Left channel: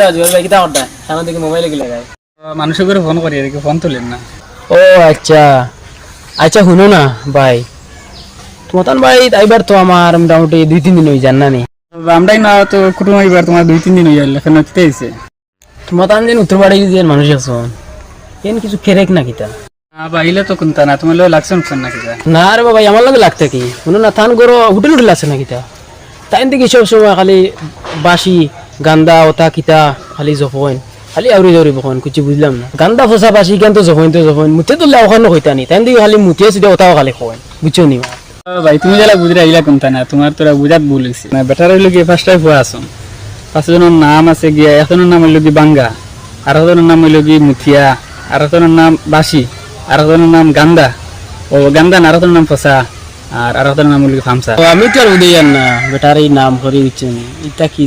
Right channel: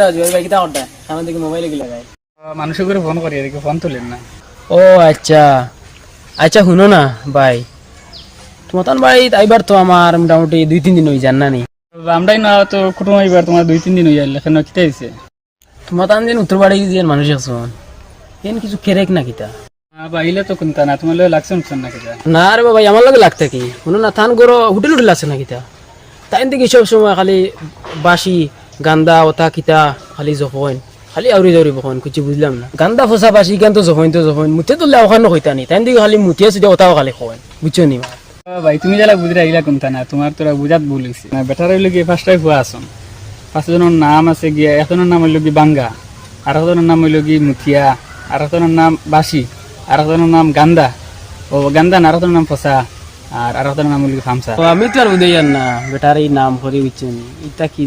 রে জুয়েল ভাই কিতা করতা সামনে দিকে মোবাইলে গিয়ে লাগায় মানুষের করে ফোন করি এদিকে ফোন তুলেন না। ও আচ্ছা আচ্ছা শুনো না ভাই তোমার বাড়ি আইবার তো আমার মোটামুটি 2-3 দিন হয়ে যান না নি আমরাই না তো কুটুম এবার তোমার 2-3 দিন হয়ে গেল কেন কিতে দিছে তোমার দিন উত্তর বাড়ি যে মানুষ আছো এন কিছু কেরেক না কিতা বাইলে তো কোনটা না তোমার লগে লাগছে না কিতা না রে বাবা আমার লগে লাগতে কি শুনো না থান করো হোটেল হোটেল আছে না কিতা তাই দেখি সব সময় খালি বাসি গান্দা ওটা কিতা খালি জফন খালি আউরি জরি বখন কিছু বুঝলাম না গান্দা ফসা বাসি কেন তো জফন মুতে তো ওখানে কইতা নি তাই দেখি খালি মুতিয়া সিধা ওটাও খালি খোয়েন বুঝছো নি ভাই তুমি যারা বুঝে আইলা কোনটা না তোমার তোরা বুঝাত ভুল হইছে না বেটার হইলো কি ফার্স্ট টাইম হওয়া আসুন পাঁচজনের নাম আছে গিয়া একজনের নাম হইলো কি বাঙ্গা আর একজনের নাম হইলো কি মুথিয়া আর একজনের নাম বাসি আর একজনের নাম গান্দা ও গান্দা আর একজনের নাম ফসা আর একজনের নাম হইলো কি ফামসা আমি তো আর উদয় না বেটার এই নাম করি বুঝছো নি এটা কি